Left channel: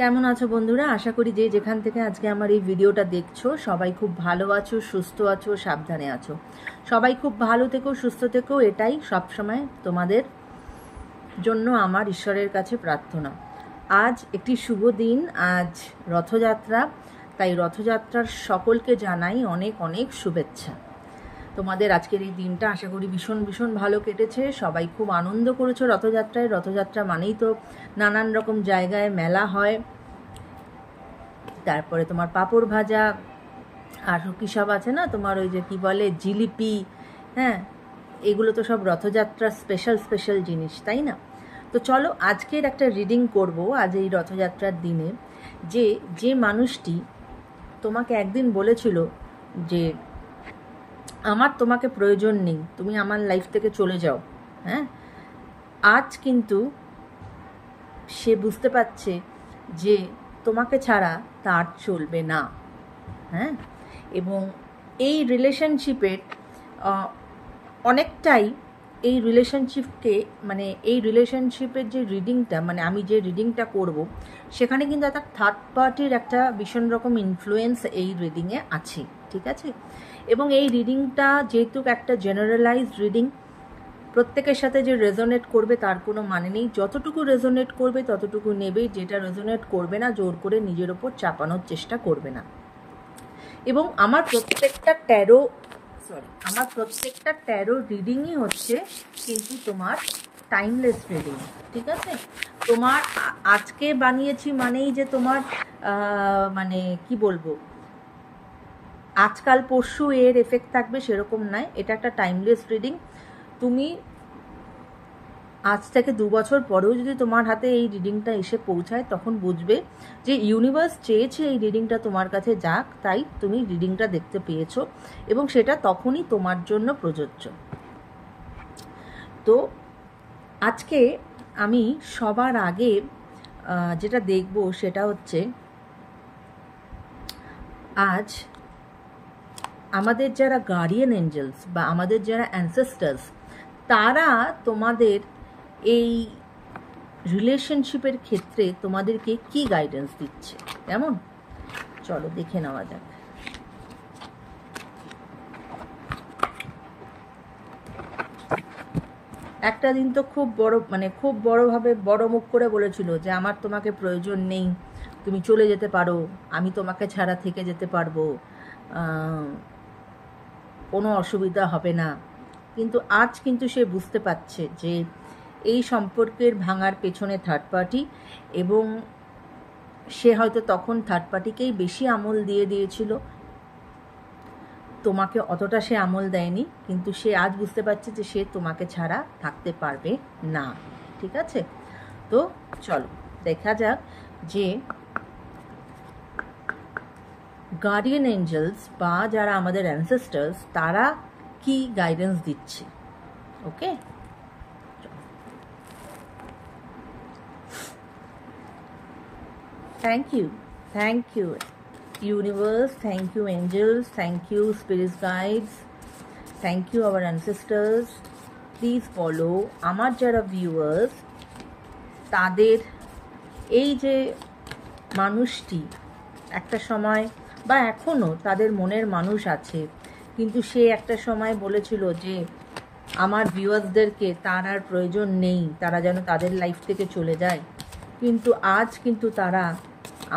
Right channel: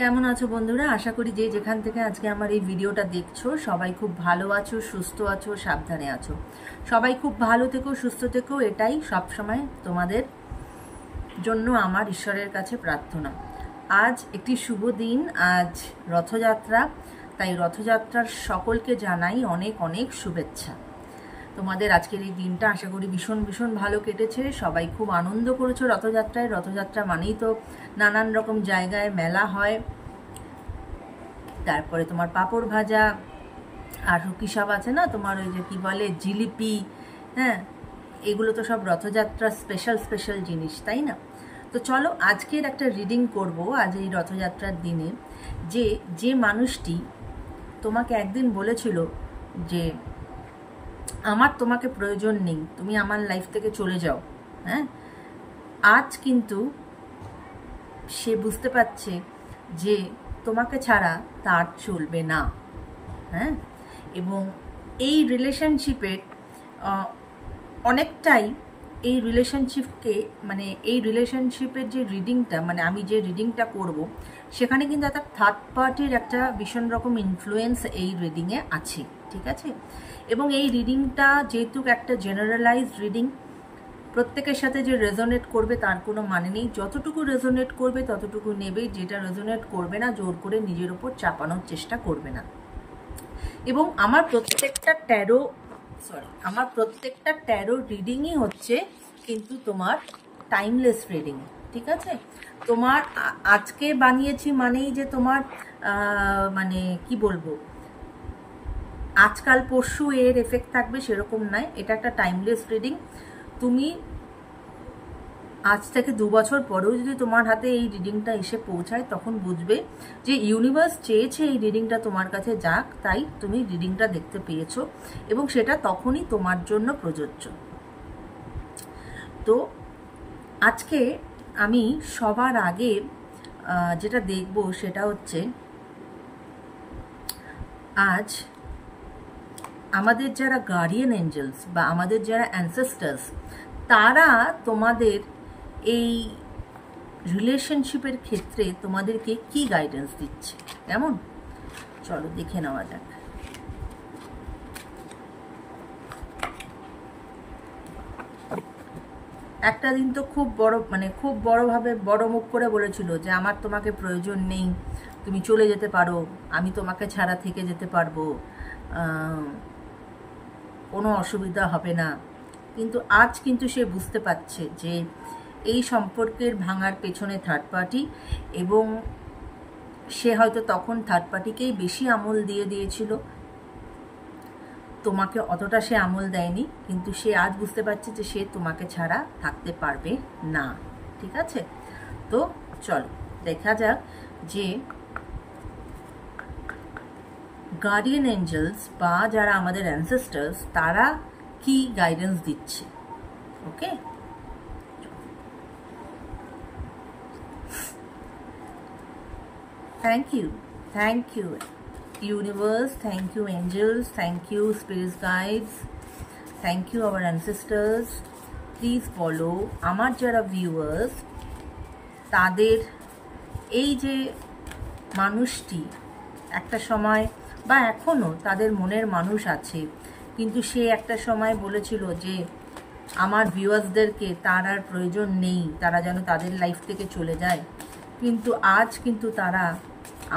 কেমন আছো বন্ধুরা? আশা করি যে যেখান থেকে আজকে আমার এই ভিডিওটা দেখছো সবাই খুব ভালো আছো, সুস্থ আছো, সাবধানে আছো। সবাই খুব ভালো থেকো, সুস্থ থেকো, এটাই সবসময় তোমাদের জন্য আমার ঈশ্বরের কাছে প্রার্থনা। আজ একটি শুভ দিন, আজ রথযাত্রা। তাই রথযাত্রার সকলকে জানাই অনেক অনেক শুভেচ্ছা। তোমাদের আজকের এই দিনটা আশা করি ভীষণ ভীষণ ভালো কেটেছে। সবাই খুব আনন্দ করেছো রথযাত্রায়। রথযাত্রা মানেই তো নানান রকম জায়গায় মেলা হয়, তারপরে তোমার পাঁপড় ভাজা, আর কি সব আছে না, তোমার ওই যে কি বলে জিলিপি, হ্যাঁ, এগুলো তো সব রথযাত্রার স্পেশাল স্পেশাল জিনিস, তাই না? তো চলো আজকের একটা রিডিং করব আজ এই রথযাত্রার দিনে। যে মানুষটি তোমাকে একদিন বলেছিল যে আমার তোমাকে প্রয়োজন নেই, তুমি আমার লাইফ থেকে চলে যাও, হ্যাঁ, আজ কিন্তু সে বুঝতে পারছে যে তোমাকে ছাড়া তার চলবে না, হ্যাঁ। এবং এই রিলেশনশিপের অনেকটাই এই রিলেশনশিপকে মানে এই রিলেশনশিপের যে রিডিংটা, মানে আমি যে রিডিংটা করব সেখানে কিন্তু একটা থার্ড পার্টির একটা ভীষণ রকম ইনফ্লুয়েন্স এই রিডিংয়ে আছে, ঠিক আছে? এবং এই রিডিংটা যেহেতু একটা জেনারেলাইজড রিডিং, প্রত্যেকের সাথে যে রেজোনেট করবে তার কোনো মানে নেই। যতটুকু রেজোনেট করবে ততটুকু নেবে, যেটা রেজোনেট করবে না জোর করে নিজের ওপর চাপানোর চেষ্টা করবে না। এবং আমার প্রত্যেকটা ট্যারো রিডিংই হচ্ছে কিন্তু তোমার টাইমলেস রিডিং, ঠিক আছে? তোমার আজকে বানিয়েছি মানেই যে তোমার মানে কি বলবো আজকাল পরশু এর এফেক্ট থাকবে সেরকম নয়। এটা একটা টাইমলেস রিডিং। তুমি আজ থেকে 2 বছর পরেও যদি তোমার হাতে এই রিডিংটা এসে পৌঁছায় তখন বুঝবে যে ইউনিভার্স চেয়েছে এই রিডিংটা তোমার কাছে যাক, তাই তুমি রিডিংটা দেখতে পেয়েছো এবং সেটা তখনই তোমার জন্য প্রযোজ্য। তো আজকে আমি সবার আগে যেটা দেখব সেটা হচ্ছে আজ আমাদের যারা গার্ডিয়ান এঞ্জেলস বা আমাদের যারা অ্যানসেস্টার্স, তারা তোমাদের এই রিলেশনশিপের ক্ষেত্রে তোমাদেরকে কি গাইডেন্স দিচ্ছে, কেমন? চলো দেখে নেওয়া যাক। একটা দিন তো খুব বড়ভাবে বড় মুখ করে বলেছিল যে আমার তোমাকে প্রয়োজন নেই, তুমি চলে যেতে পারো, আমি তোমাকে ছাড়া থেকে যেতে পারবো, কোনো অসুবিধা হবে না। কিন্তু আজ কিন্তু সে বুঝতে পারছে যে এই সম্পর্কের ভাঙার পেছনে থার্ড পার্টি, এবং সে হয়তো তখন থার্ড পার্টিকেই বেশি আমল দিয়ে দিয়েছিল, তোমাকে অতটা সে আমল দেয়নি। কিন্তু সে আজ বুঝতে পারছে যে সে তোমাকে ছাড়া থাকতে পারবে না, ঠিক আছে? তো চলো দেখা যাক যে গার্ডিয়ান এঞ্জেলস বা যারা আমাদের অ্যানসেস্টার্স তারা কি গাইডেন্স দিচ্ছে। Okay, thank you universe, thank you angels, thank you spirits guides, thank you our ancestors. Please follow আমার যারা ভিউয়ার্স, তাদের এই যে মানুষটি একটা সময় বা এখনো তাদের মনের মানুষ আছে, কিন্তু সে একটা সময় বলেছিল যে আমার ভিউয়ার্সদেরকে তার আর প্রয়োজন নেই, তারা যেন তাদের লাইফ থেকে চলে যায়। কিন্তু আজ কিন্তু তারা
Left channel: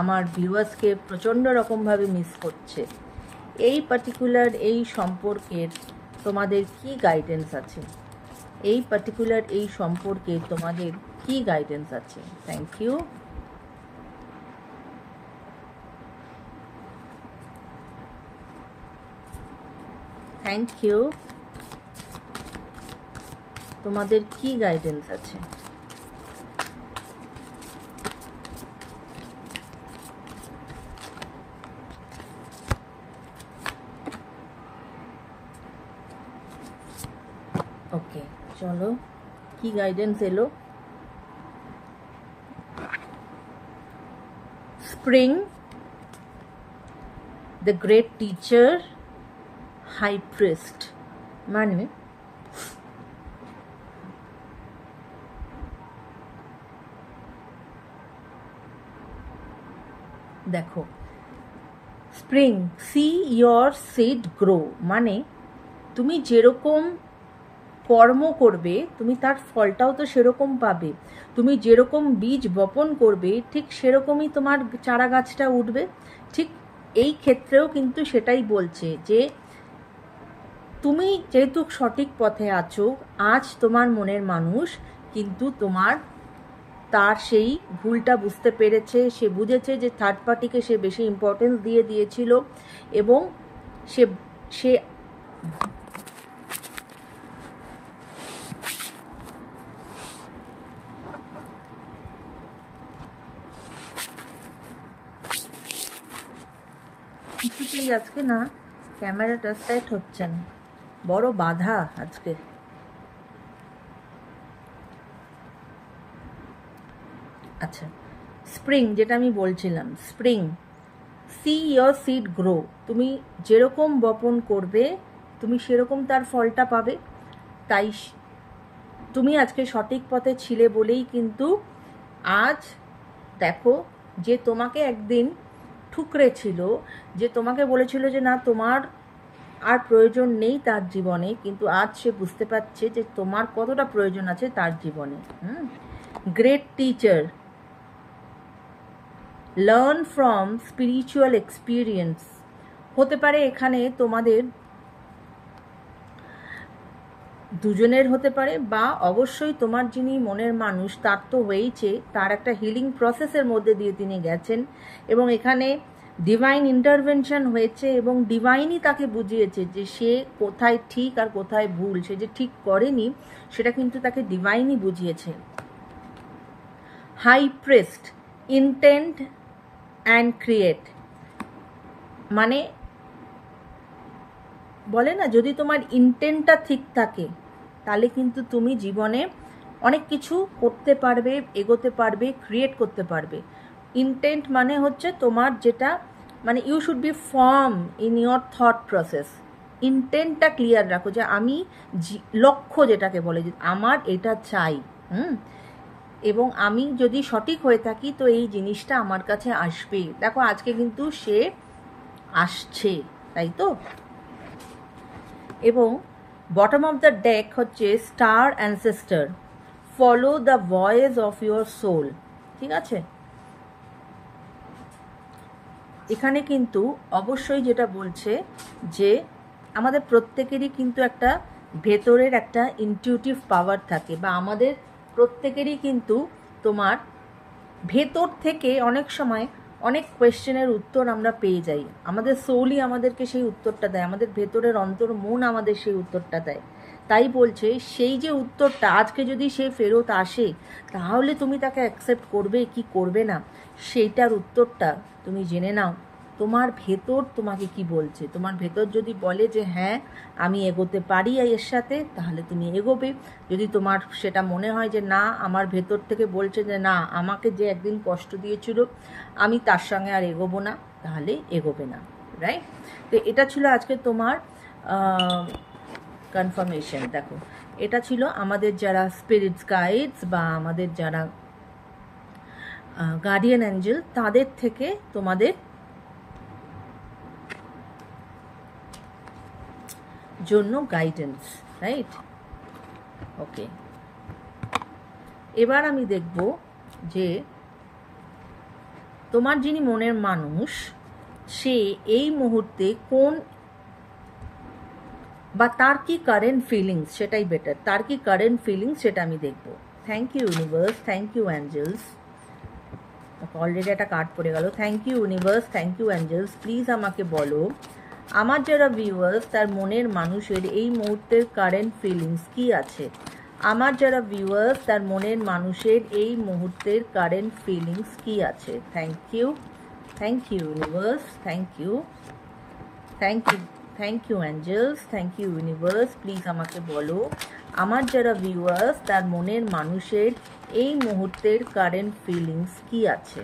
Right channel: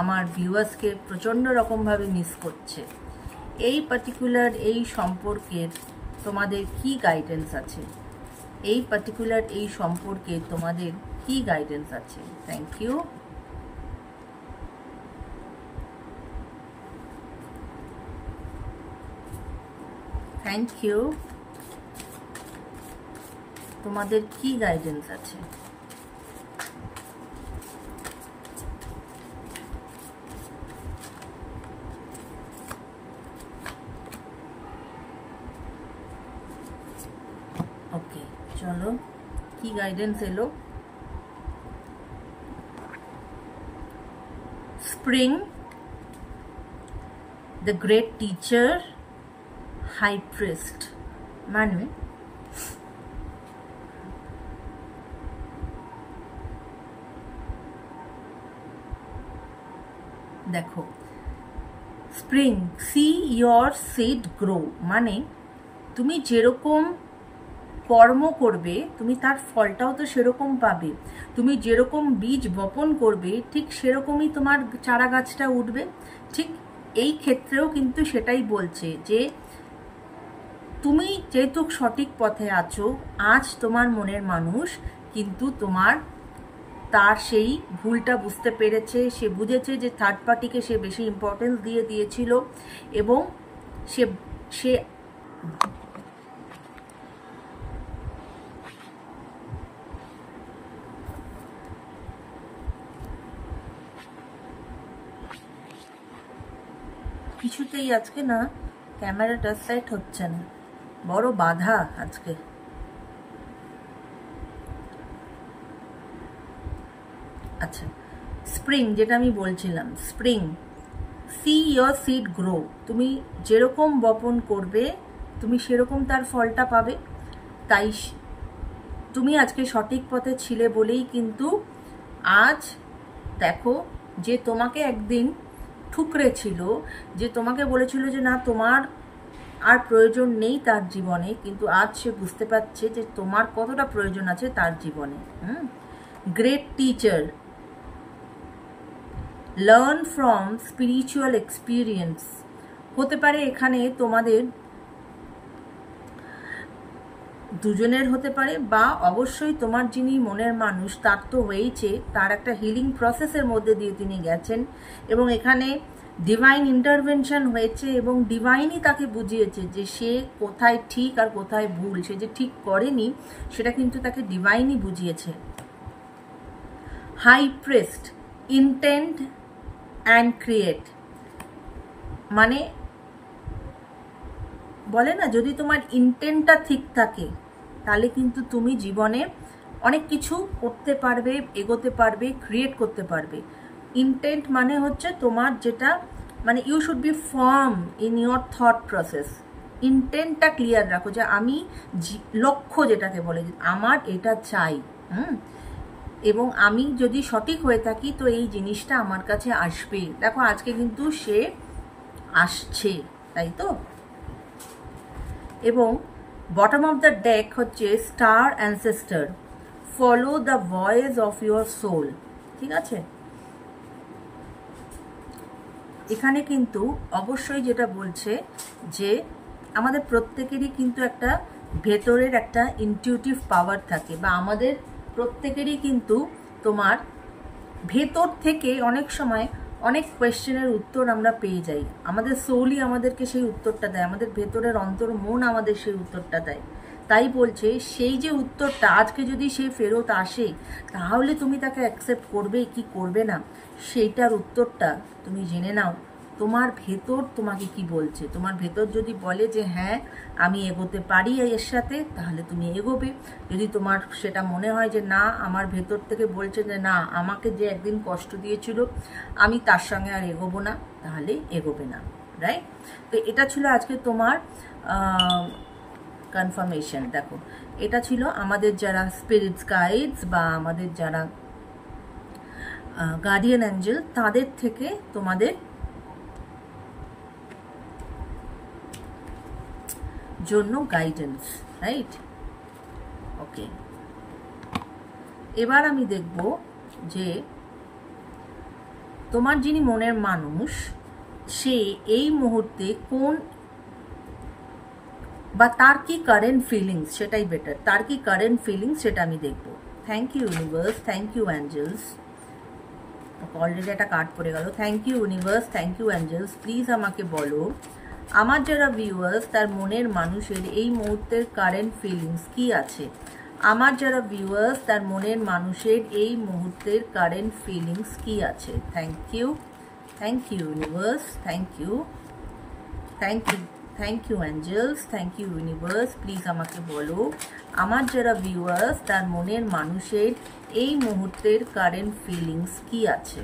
আমার ভিউয়ার্সকে প্রচণ্ড রকমভাবে মিস করছে। এই পার্টিকুলার এই সম্পর্কের তোমাদের কি গাইডেন্স আছে? এই পার্টিকুলার এই সম্পর্কে তোমাদের কি গাইডেন্স আছে? Thank you. Thank you. তোমাদের কি গাইডেন্স আছে? ওকে, চলো কি গাইডেন্স এলো। Spring, the great teacher, high priest, মানে দেখো spring, see your seed grow, মানে তুমি যেরকম কর্ম করবে তুমি তার ফলটাও তো সেরকম পাবে। তুমি যেরকম বীজ বপন করবে ঠিক সেরকমই তোমার চারা গাছটা উঠবে। ঠিক এই ক্ষেত্রেও কিন্তু সেটাই বলছে যে তুমি যেহেতু সঠিক পথে আছো, আজ তোমার মনের মানুষ কিন্তু তার সেই ভুলটা বুঝতে পেরেছে। সে বুঝেছে যে থার্ড পার্টিকে সে বেশি ইম্পর্টেন্স দিয়েছিল এবং সে সে কিছুতেই আজকে না ক্যামেরাটা সেট হচ্ছে না, বড় বাধা আজকে। আচ্ছা, স্প্রিং যেটা আমি বলছিলাম, spring, see your seed grow, তুমি যেরকম বপন করবে তুমি সেরকম তার ফলটা পাবে। তাই তুমি আজকে সঠিক পথে ছিলে বলেই কিন্তু আজ দেখো যে তোমাকে একদিন ঠুকরে ছিল, যে তোমাকে বলেছিল যে না তোমার আর প্রয়োজন নেই তার জীবনে, কিন্তু আজ সে বুঝতে পারছে যে তোমার কতটা প্রয়োজন আছে তার জীবনে। Great teacher, learn from spiritual experience, হতে পারে এখানে তোমাদের দুজনের হতে পারে, বা অবশ্যই তোমার যিনি মনের মানুষ তার তো হয়েইছে, তার একটা হিলিং প্রসেসের মধ্যে দিয়ে তিনি গেছেন এবং এখানে ডিভাইন ইন্টারভেনশন হয়েছে এবং ডিভাইনই তাকে বুঝিয়েছে যে সে কোথায় ঠিক আর কোথায় ভুল। সে যে ঠিক করেনি সেটা কিন্তু তাকে ডিভাইনই বুঝিয়েছে। High priest, intent and create, মানে বলে না যদি তোমার ইন্টেন্টটা ঠিক থাকে তাহলে কিন্তু তুমি জীবনে অনেক কিছু করতে পারবে, এগোতে পারবে, ক্রিয়েট করতে পারবে। ইন্টেন্ট মানে হচ্ছে তোমার যেটা মানে you should be firm in your thought process. ইন্টেন্টটা ক্লিয়ার রাখো যে আমি লক্ষ্য যেটাকে বলে যে আমার এটা চাই, এবং আমি যদি সঠিক হয়ে থাকি তো এই জিনিসটা আমার কাছে আসবে। দেখো আজকে কিন্তু সে আসছে, তাই তো। এবং বটম অফ দ্য ডেক হচ্ছে star ancestor, follow the voice of your soul, ঠিক আছে। এখানে কিন্তু অবশ্যই যেটা বলছে যে আমাদের প্রত্যেকেরই কিন্তু একটা ভেতরের একটা ইনটিউটিভ পাওয়ার থাকে, বা আমাদের প্রত্যেকেরই কিন্তু তোমার ভেতর থেকে অনেক সময় অনেক কোয়েশ্চেনের উত্তর আমরা পেয়ে যাই। আমাদের সোলই আমাদেরকে সেই উত্তরটা দেয়, আমাদের ভেতরের অন্তর মন আমাদের সেই উত্তরটা দেয়। তাই বলছে সেই যে উত্তরটা আজকে যদি সে ফেরত আসে তাহলে তুমি তাকে অ্যাকসেপ্ট করবে কি করবে না, সেইটার উত্তরটা তুমি জেনে নাও। তোমার ভেতর তোমাকে কি বলছে, তোমার ভেতর যদি বলে যে হ্যাঁ আমি এগোতে পারি এর সাথে, তাহলে তুমি এগোবে। যদি তোমার সেটা মনে হয় যে না, আমার ভেতর থেকে বলছে যে না আমাকে যে একদিন কষ্ট দিয়েছিল আমি তার সঙ্গে আর এগোবো না, তাহলে এগোবে না, রাইট। তো এটা ছিল আজকে তোমার কনফার্মেশন। দেখো এটা ছিল আমাদের যারা স্পিরিটস গাইডস বা আমাদের যারা গার্ডিয়ান অ্যাঞ্জেল তাদের থেকে তোমাদের জন্য গাইডেন্স, রাইট। ওকে, এবার আমি দেখব যে তোমার যিনি মনের মানুষ সে এই মুহূর্তে কোন বা তার কি কারেন্ট ফিলিংস, সেটাই বেটার, তার কি কারেন্ট ফিলিংস সেটা আমি দেখব। Thank you universe, thank you angels. Already একটা কার্ড পড়ে গেল। Thank you universe, thank you angels. Please আমাকে বলো আমার যারা ভিউয়ার্স তার মনের মানুষের এই মুহূর্তের কারেন্ট ফিলিংস কি আছে। আমার যারা ভিউয়ার্স তার মনের মানুষের এই মুহূর্তের কারেন্ট ফিলিংস কি আছে। Thank you universe, thank you angels, thank you universe. Please আমাকে বলো আমার যারা ভিউয়ার্স তার মনের মানুষের এই মুহূর্তের কারেন্ট ফিলিংস কি আছে।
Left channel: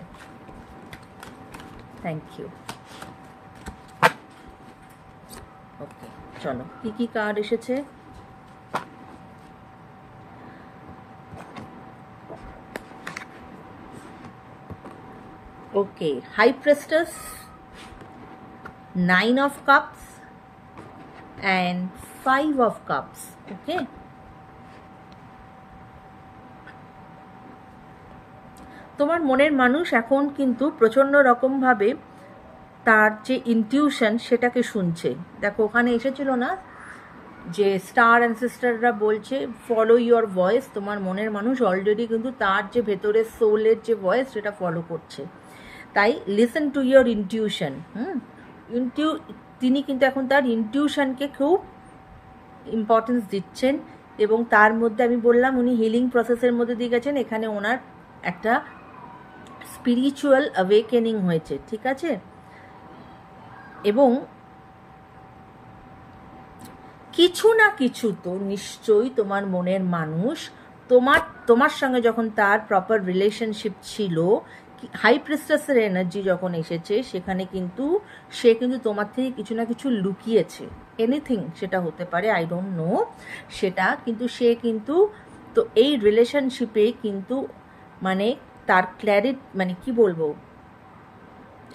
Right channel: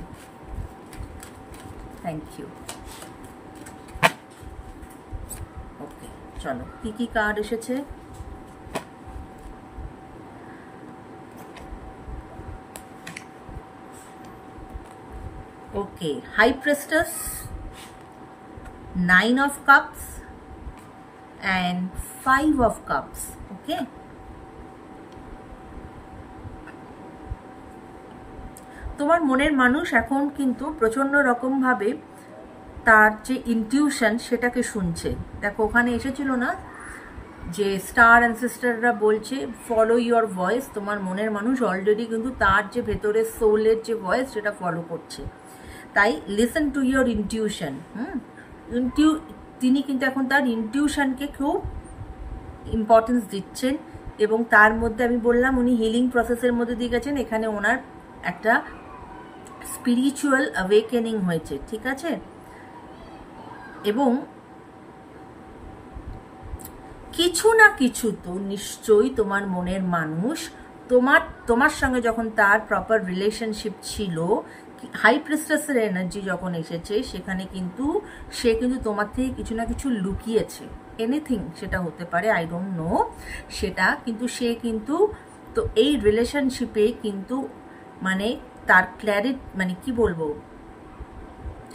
Thank you. ওকে, চলো কি কার্ড এসেছে। Okay, High Priestess, 9 of Cups and 5 of Cups. Okay, তোমার মনের মানুষ এখন কিন্তু প্রচন্ড রকম ভাবে তার যে ইনটিউশন সেটাকে শুনছে। দেখো ওখানে এসেছিল না যে স্টার অ্যানসেস্টাররা বলছে ফলো ইউর ভয়েস। তোমার মনের মানুষ অলরেডি কিন্তু তার যে ভেতরের সোলের যে ভয়েস সেটা ফলো করছে। তাই লিসেন টু ইউর ইনটিউশন। তিনি কিন্তু এখন তার ইনটিউশনকে খুব ইম্পর্টেন্স দিচ্ছেন এবং তার মধ্যে আমি বললাম উনি হিলিং প্রসেসের মধ্যে দিয়ে গেছেন। এখানে ওনার একটা স্পিরিচুয়াল অ্যাওয়েকেনিং হয়েছে, ঠিক আছে। এবং কিছু না কিছু তো নিশ্চয়ই তোমার মনের মানুষ তোমার সঙ্গে যখন তার প্রপার রিলেশনশিপ ছিল, হাই প্রিস্টেসের এনার্জি যখন এসেছে সেখানে কিন্তু সে কিন্তু তোমার থেকে কিছু না কিছু লুকিয়েছে। এনিথিং সেটা হতে পারে, আই ডোন্ট নো সেটা, কিন্তু সে কিন্তু তো এই রিলেশনশিপে কিন্তু মানে তার ক্ল্যারিটি মানে কি বলবো,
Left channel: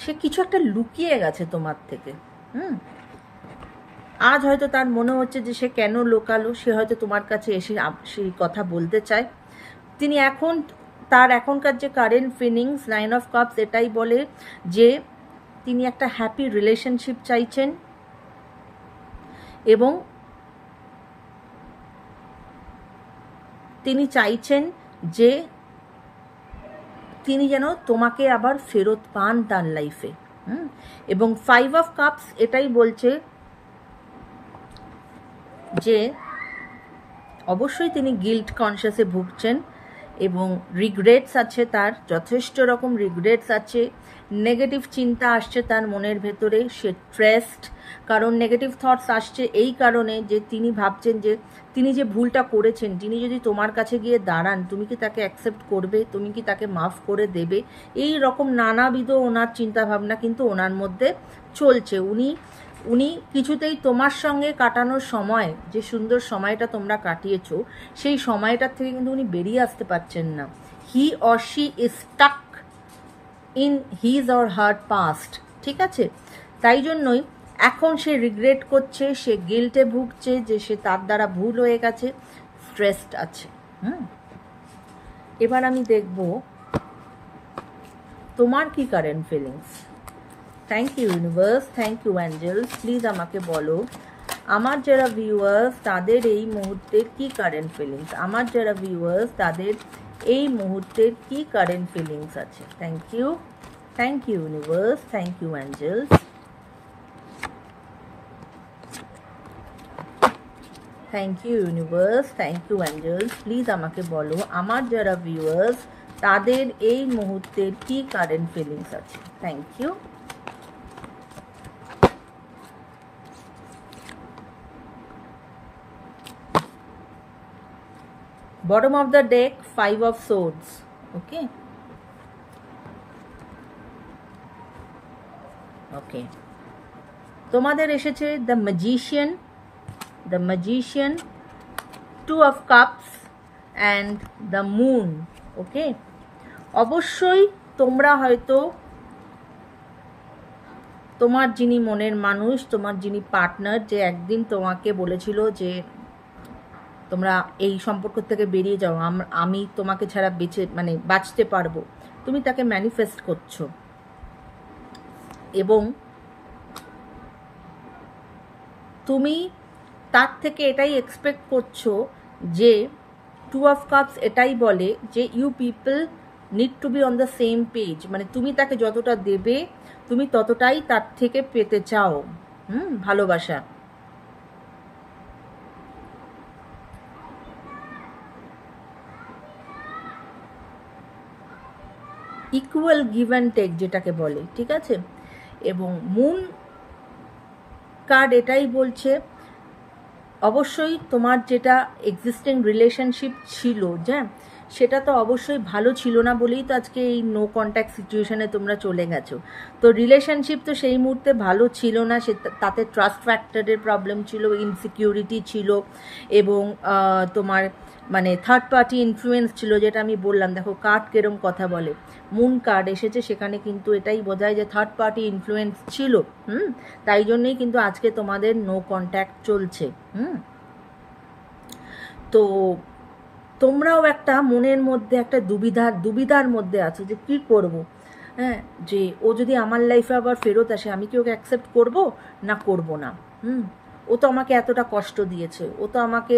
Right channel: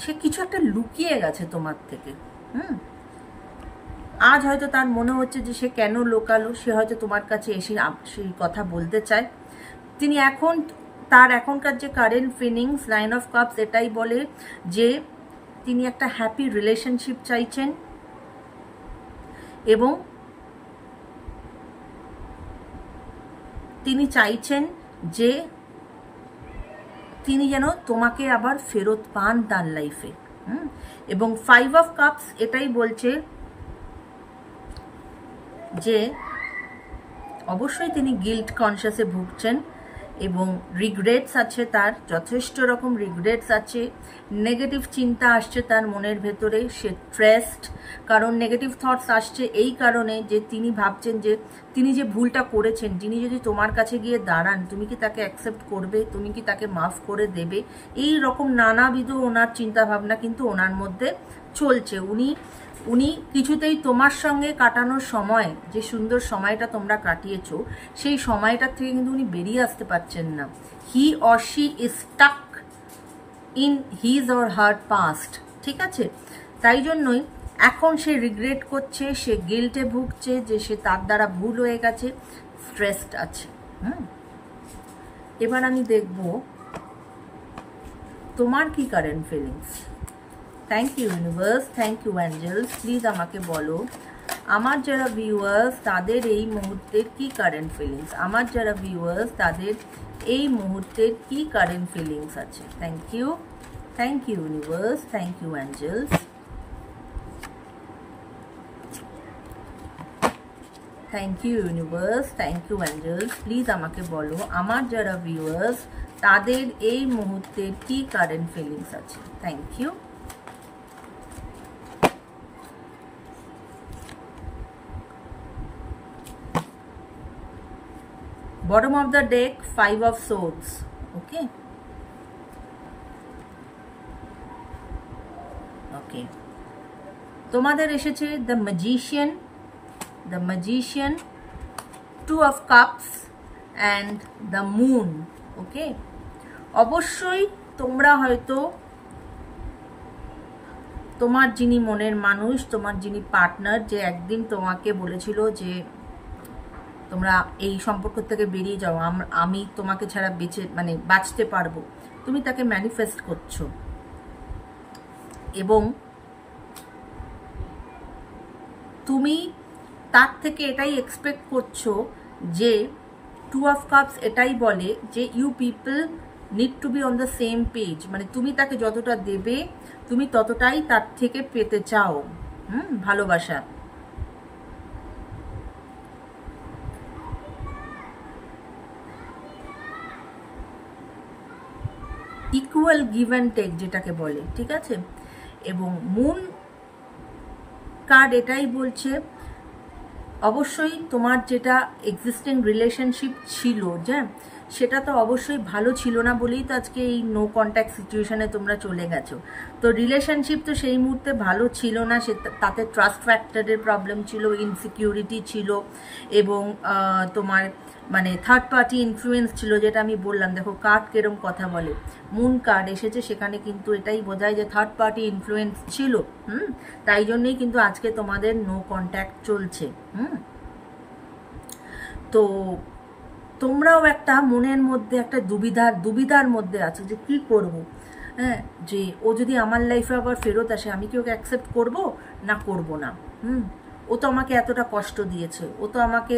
সে কিছু একটা লুকিয়ে গেছে তোমার থেকে। আজ হয়তো তার মনে হচ্ছে যে সে কেন লোকালো, সে হয়তো তোমার কাছে এসে সেই কথা বলতে চায়। তিনি এখন তার এখনকার যে কারেন্ট ফিলিংস 9 অফ কাপস এটাই বলে যে তিনি একটা হ্যাপি রিলেশনশিপ চাইছেন এবং তিনি চাইছেন যে তিনি যেন তোমাকে আবার ফেরত পান তার লাইফে। এবং 5 অফ কাপস এটাই বলছে যে অবশ্যই তিনি গিল্ট কনসিয়াসে ভুগছেন এবং রিগ্রেটস আছে, তার যথেষ্ট রকম রিগ্রেটস আছে। নেগেটিভ চিন্তা আসছে তার মনের ভেতরে, সে স্ট্রেসড, কারণ নেগেটিভ থটস আসছে এই কারণে যে তিনি ভাবছেন যে তিনি যে ভুলটা করেছেন, তিনি যদি তোমার কাছে গিয়ে দাঁড়ান তুমি কি তাকে অ্যাকসেপ্ট করবে, তুমি কি তাকে মাফ করে দেবে, এই রকম নানাবিধ ওনার চিন্তাভাবনা কিন্তু ওনার মধ্যে চলছে। উনি কিছুতেই তোমার সঙ্গে কাটানোর সময়, যে সুন্দর সময়টা তোমরা কাটিয়েছো, সেই সময়টার থেকে কিন্তু উনি বেরিয়ে আসতে পারছেন না। হি or she is stuck in his or her past, ঠিক আছে। তাই জন্যই এখন সে রিগ্রেট করছে, সে গিল্টে ভুগছে যে সে তার দ্বারা ভুল হয়ে গেছে, স্ট্রেসড আছে। এবার আমি দেখব তোমার কি current feelings. Thank you universe, thank you angels. Please আমাকে বলো আমার যারা ভিউয়ার্স তাদের এই মুহূর্তের কি কারেন্ট ফিলিংস, আমার যারা ভিউয়ার্স তাদের এই মুহূর্তের কি কারেন্ট ফিলিংস আছে। Thank you universe, thank you angels, thank you universe, thank you angels. Please আমাকে বলো আমার যারা ভিউয়ার্স তাদের এই মুহূর্তের কি কারেন্ট ফিলিংস আছে। Thank you. Bottom of the deck, 5 of swords. Okay. Okay. তোমাদের এসেছে the magician, 2 of cups and the moon. Okay. অবশ্যই তোমরা হয়তো তোমার যিনি মনের মানুষ, তোমার যিনি পার্টনার, যে একদিন তোমাকে বলেছিল যে তোমরা এই সম্পর্ক থেকে বেরিয়ে যাও, আমি তোমাকে ছাড়া বাঁচতে পারবো, তুমি তাকে ম্যানিফেস্ট করছো এবং তুমি তার থেকে এটাই এক্সপেক্ট করছো যে 2 অফ কাপস এটাই বলে যে you people need to be on the same page, মানে তুমি তাকে যতটা দেবে তুমি ততটাই তার থেকে পেতে চাও ভালোবাসা। ইকুয়াল গিভ অ্যান্ড টেক যেটাকে বলে, ঠিক আছে। এবং মুন কার্ড এটাই বলছে অবশ্যই তোমার যেটা এক্সিস্টিং রিলেশনশিপ ছিল যে সেটা তো অবশ্যই ভালো ছিল না বলেই তো আজকে এই নো কন্ট্যাক্ট সিচুয়েশনে তোমরা চলে গেছো। তো রিলেশনশিপ তো সেই মুহূর্তে ভালো ছিল না, তাতে ট্রাস্ট ফ্যাক্টরের প্রবলেম ছিল, ইনসিকিউরিটি ছিল এবং তোমার মানে থার্ড পার্টি ইনফ্লুয়েন্স ছিল, যেটা আমি বললাম। দেখো কার্ড কেরম কথা বলে, মুন কার্ড এসেছে, সেখানে কিন্তু এটাই বোঝায় যে থার্ড পার্টি ইনফ্লুয়েন্স ছিল। তাই জন্যই কিন্তু আজকে তোমাদের নো কন্ট্যাক্ট চলছে। তো তোমরাও একটা মনের মধ্যে একটা দুবিধার মধ্যে আছো যে কি করব। হ্যাঁ, যে ও যদি আমার লাইফে আবার ফেরত আসে, আমি কি ওকে অ্যাকসেপ্ট করব না করব না। ও তো আমাকে এতটা কষ্ট দিয়েছে, ও তো আমাকে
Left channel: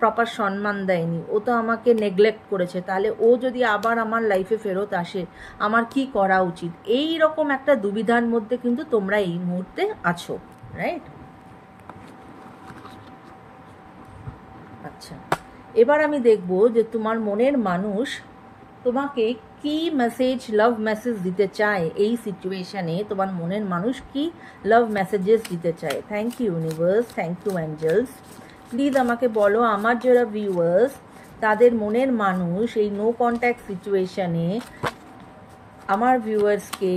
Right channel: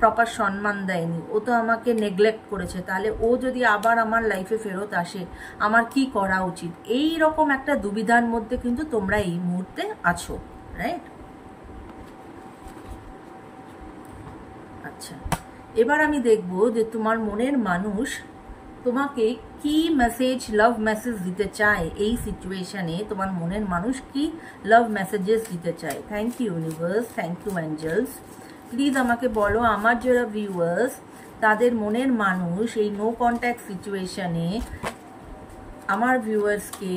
প্রপার সম্মান দেয়নি, ও তো আমাকে নেগলেক্ট করেছে, তাহলে ও যদি আবার আমার লাইফে ফেরত আসে আমার কি করা উচিত। এই রকম একটা দুবিধার মধ্যে কিন্তু তোমরা এই মুহূর্তে আছো, রাইট? আচ্ছা, এবার আমি দেখব যে তোমার মনের মানুষ তোমাকে কি মেসেজ, লাভ মেসেজ দিতে চায় এই সিচুয়েশনে। তোমার মনের মানুষ কি লাভ মেসেজেস দিতে চায়। Thank you universe, thank you angels. Please আমাকে বলো আমার যারা ভিউয়ার্স তাদের মনের মানুষ এই নো কন্ট্যাক্ট সিচুয়েশনে আমার ভিউয়ার্সকে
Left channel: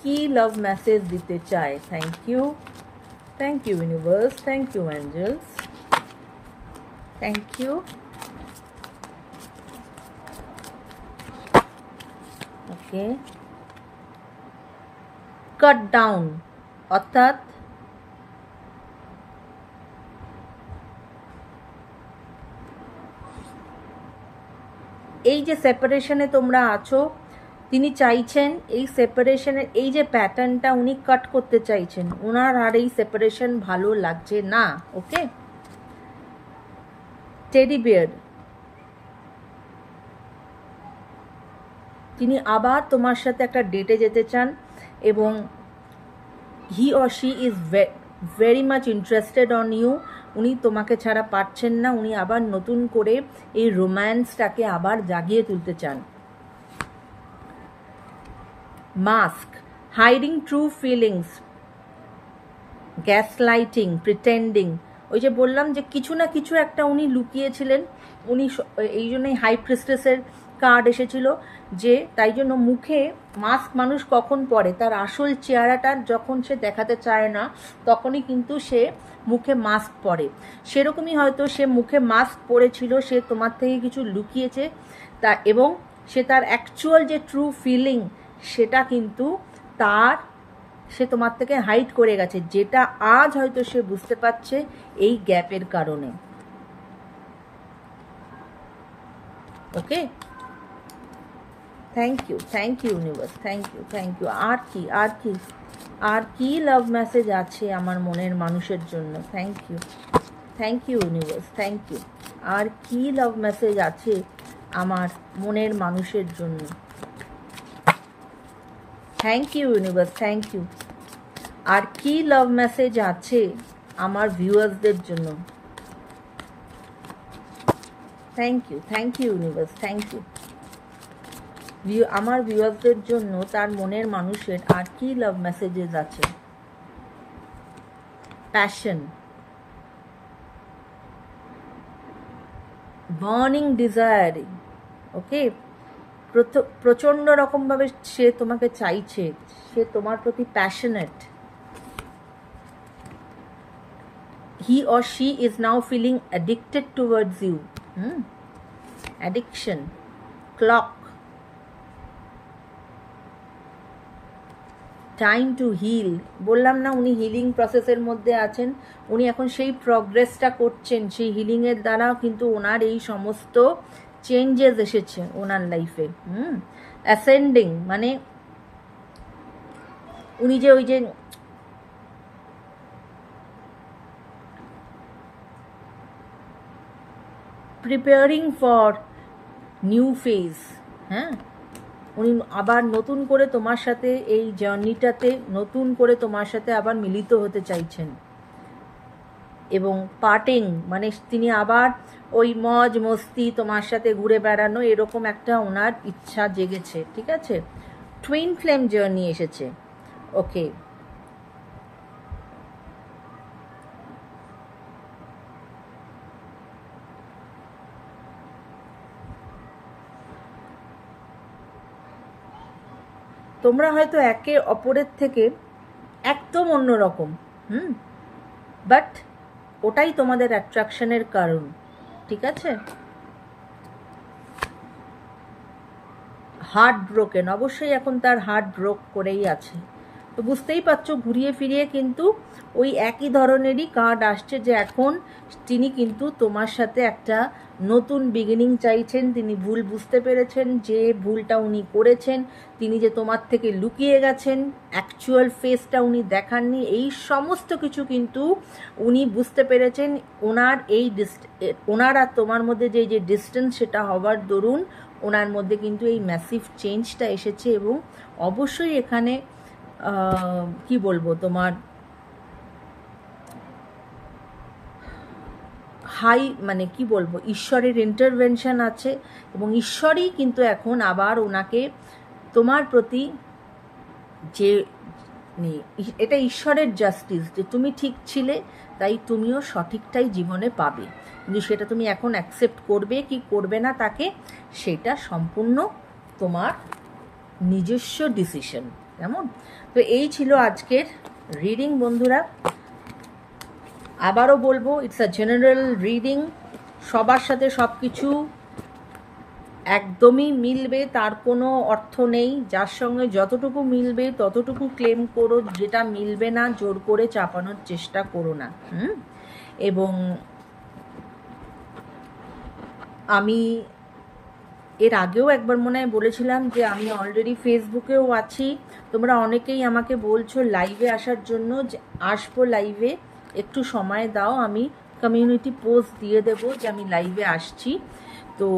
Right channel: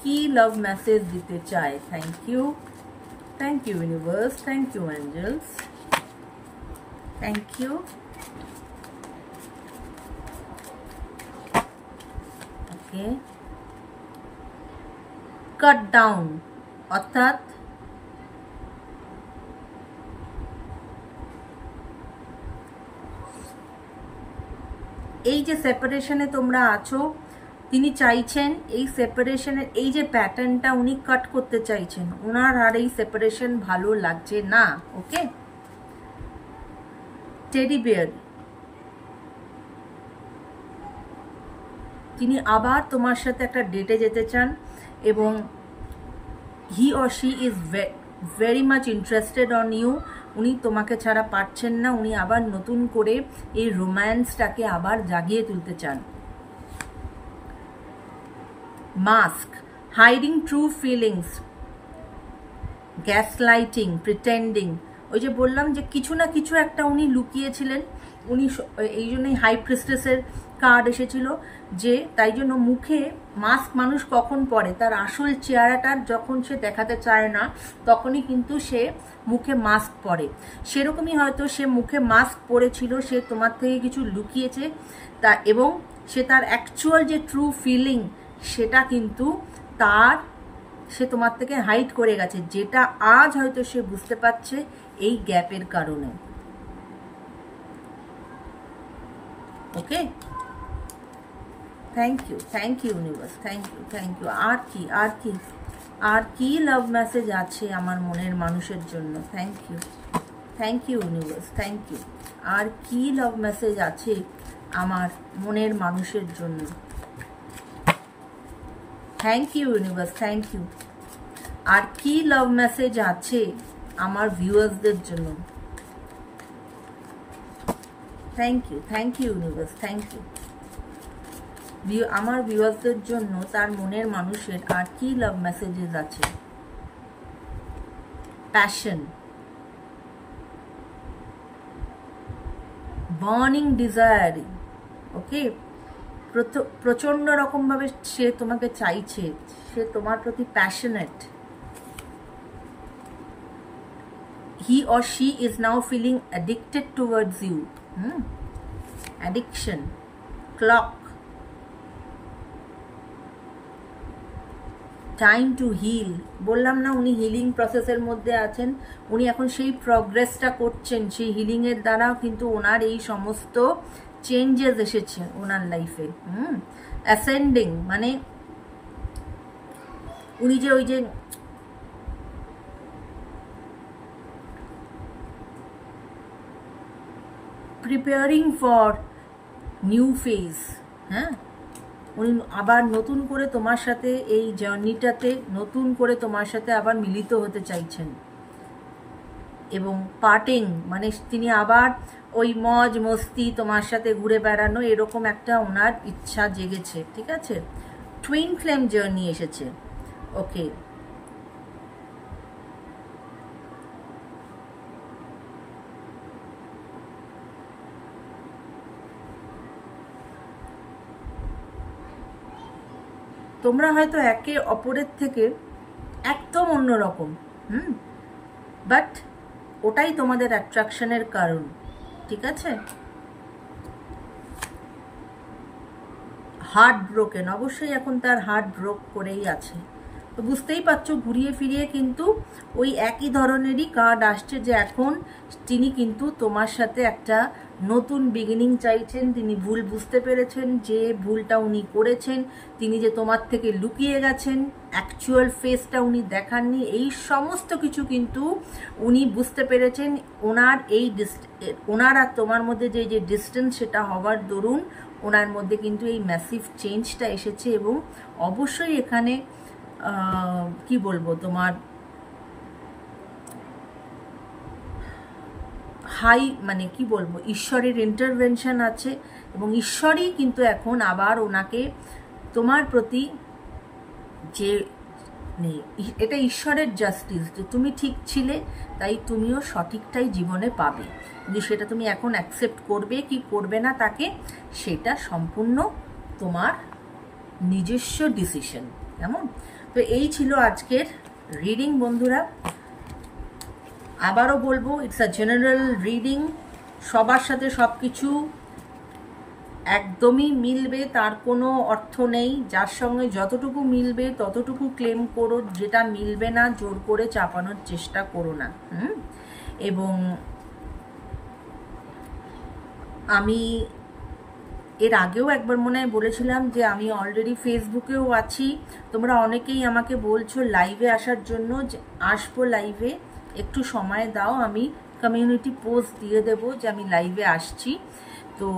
কি লাভ মেসেজ দিতে চায়। Thank you universe, thank you angels, thank you. Okay, cut down অর্থাৎ এই যে সেপারেশনে তোমরা আছো, তিনি চাইছেন এই সেপারেশনের এই যে প্যাটার্নটা উনি কাট করতে চাইছেন। ওনার আর এই সেপারেশন ভালো লাগছে না। ওকে, টেডি বিয়ার, তিনি আবার তোমার সাথে একটা ডেটে যেতে চান এবং he or she is very much interested on you. উনি তোমাকে ছাড়া পারছেন না, উনি আবার নতুন করে এই রোম্যান্সটাকে আবার জাগিয়ে তুলতে চান। Mask, hiding true feelings, gaslighting, pretending. ওই যে বললাম যে কিছু না কিছু একটা উনি লুকিয়েছিলেন, উনি এই জন্যই হাই প্রিস্টেসের কার্ড এসেছিল, যে তাই জন্য মুখে মাস্ক মানুষ কখন পরে, তার আসল চেহারাটার যখন সে দেখাতে চায় না তখনই কিন্তু সে মুখে মাস্ক পরে। সেরকমই হয়তো সে মুখে মাস্ক পরেছিল, সে তোমার থেকে কিছু লুকিয়েছে তা, এবং সে তার অ্যাকচুয়াল যে ট্রু ফিলিং সেটা কিন্তু সে তোমার থেকে হাইড করে গেছে, যেটা আজ হয়তো সে বুঝতে পারছে এই গ্যাপের কারণে। Okay, thank you universe, thank you. আর কি লাভ মেসেজ আছে আমার মনের মানুষের জন্য। Thank you universe, thank you. আর কি লাভ মেসেজ আছে আমার মনের মানুষের জন্য। Thank you universe, thank you. আর কি লাভ মেসেজ আছে আমার ভিউয়ার্সদের জন্য। Thank you universe, thank you. আমার ভিউয়ার্সদের জন্য তার মনের মানুষের আর কি লাভ মেসেজেস আছে। Passion, burning desiring. ওকে, প্রচন্ড রকম ভাবে সে তোমাকে চাইছে, সে তোমার প্রতি passionate. He or she is now feeling addicted towards you. Addiction, clock, time to heal. বললাম না উনি হিলিং প্রসেসের মধ্যে আছেন, উনি এখন সেই প্রগ্রেসটা করছেন, সেই হিলিং এর দ্বারা কিন্তু ওনার এই সমস্ত চেঞ্জেস এসেছে ওনার লাইফে। অ্যাসেন্ডিং মানে উনি যে ওই যে প্রিপেয়ারিং ফর নিউ ফেজ। হ্যাঁ, উনি আবার নতুন করে তোমার সাথে এই জার্নিটাতে নতুন করে তোমার সাথে আবার মিলিত হতে চাইছেন। এবং পার্টিং মানে তিনি আবার ওই মজ মস্তি তোমার সাথে ঘুরে বেড়ানো এরকম একটা ওনার ইচ্ছা জেগেছে। ঠিক আছে, টুইন ফ্লেম জার্নি এসেছে। ওকে, তোমরা হয়তো একে অপরের থেকে একদম অন্যরকম, বাট ওটাই তোমাদের অ্যাট্রাকশনের কারণ। ঠিক আছে, হার্ট ব্রোকেন, অবশ্যই এখন তার হার্ট ব্রোক করেই আছে। তো বুঝতেই পারছো ঘুরিয়ে ফিরিয়ে কিন্তু ওই একই ধরনেরই কার্ড আসছে যে এখন তিনি কিন্তু তোমার সাথে একটা নতুন বিগিনিং চাইছেন। তিনি ভুল বুঝতে পেরেছেন যে ভুলটা উনি করেছেন, তিনি যে তোমার থেকে লুকিয়ে গেছেন, অ্যাকচুয়াল ফেসটা উনি দেখাননি, এই সমস্ত কিছু কিন্তু উনি বুঝতে পেরেছেন। ওনার আর তোমার মধ্যে যে ডিস্টেন্স সেটা হওয়ার দরুন ওনার মধ্যে কিন্তু এই ম্যাসিভ চেঞ্জটা এসেছে। এবং অবশ্যই এখানে কি বলবো, তোমার মানে কি বলবো, ঈশ্বরের ইন্টারভেনশন আছে এবং ঈশ্বরই কিন্তু এখন আবার ওনাকে তোমার প্রতি যে এটা ঈশ্বরের জাস্টিস যে তুমি ঠিক ছিলে তাই তুমিও সঠিকটাই জীবনে পাবে, কিন্তু সেটা তুমি এখন অ্যাকসেপ্ট করবে কি করবে না তাকে, সেটা সম্পূর্ণ তোমার নিজস্ব ডিসিশন। কেমন? তো এই ছিল আজকের রিডিং বন্ধুরা। আবারও বলবো, ইটস আ জেনারেল রিডিং, সবার সাথে সব কিছু একদমই মিলবে তার কোনো অর্থ নেই। যার সঙ্গে যতটুকু মিলবে ততটুকু ক্লেম করো, যেটা মিলবে না জোর করে চাপানোর চেষ্টা করো না। এবং আমি এর আগেও একবার মনে হয় বলেছিলাম যে আমি অলরেডি ফেসবুকেও আছি। তোমরা অনেকেই আমাকে বলছো লাইভে আসার জন্য, যে আসবো লাইভে, একটু সময় দাও, আমি কমিউনিটি পোস্ট দিয়ে দেবো যে আমি লাইভে আসছি। তো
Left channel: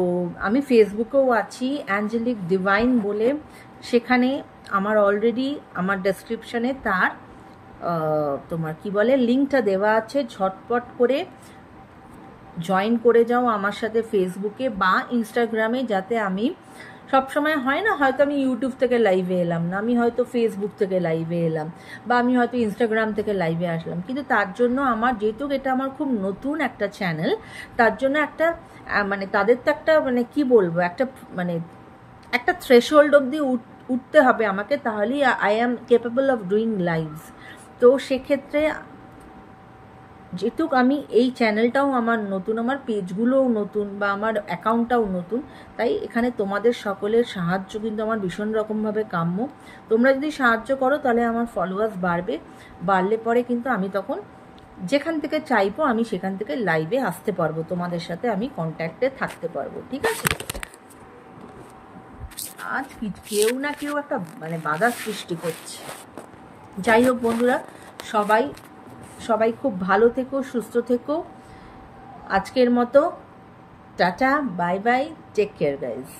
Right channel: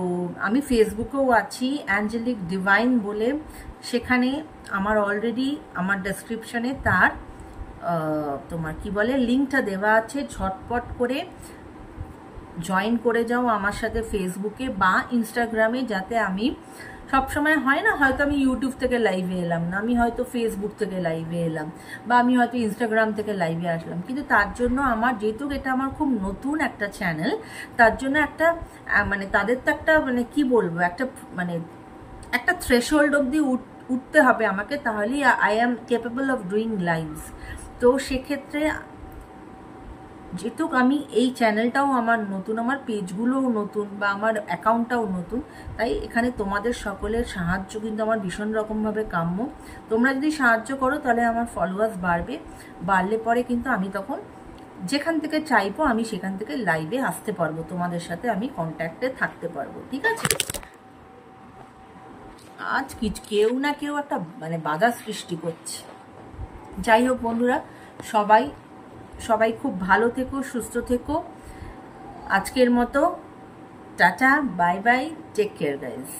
আমি ফেসবুকেও আছি অ্যাঞ্জেলিক ডিভাইন বলে, সেখানে আমার অলরেডি আমার ডেসক্রিপশানে তার তোমার কি বলে লিঙ্কটা দেওয়া আছে, ঝটপট করে জয়েন করে যাও আমার সাথে ফেসবুকে বা ইনস্টাগ্রামে, যাতে আমি সবসময় হয় না হয়তো আমি ইউটিউব থেকে লাইভে এলাম না, আমি হয়তো ফেসবুক থেকে লাইভে এলাম বা আমি হয়তো ইনস্টাগ্রাম থেকে লাইভে আসলাম, কিন্তু তার জন্য আমার যেহেতু এটা আমার খুব নতুন একটা চ্যানেল, তার জন্য একটা মানে তাদের তো একটা মানে কি বলবো একটা থ্রেশহোল্ড অবধি উঠতে হবে আমাকে, তাহলেই I am capable of doing lives. তো সেক্ষেত্রে যেহেতু আমি এই চ্যানেলটাও আমার নতুন, আমার পেজগুলোও নতুন বা আমার অ্যাকাউন্টটাও নতুন, তাই এখানে তোমাদের সকলের সাহায্য কিন্তু আমার ভীষণ রকমভাবে কাম্য। তোমরা যদি সাহায্য করো তাহলে আমার ফলোয়ার্স বাড়লে পরে কিন্তু আমি তখন যেখান থেকে চাইবো আমি সেখান থেকে লাইভে আসতে পারবো, তোমাদের সাথে আমি কন্ট্যাক্টে থাকতে পারবো। ঠিক আছে? আজ কেউ না কেউ একটা মানে বাধা সৃষ্টি করছে। যাই হোক বন্ধুরা, সবাই খুব ভালো থেকো, সুস্থ থেকো। আজকের মতো tata, bye bye, take care guys.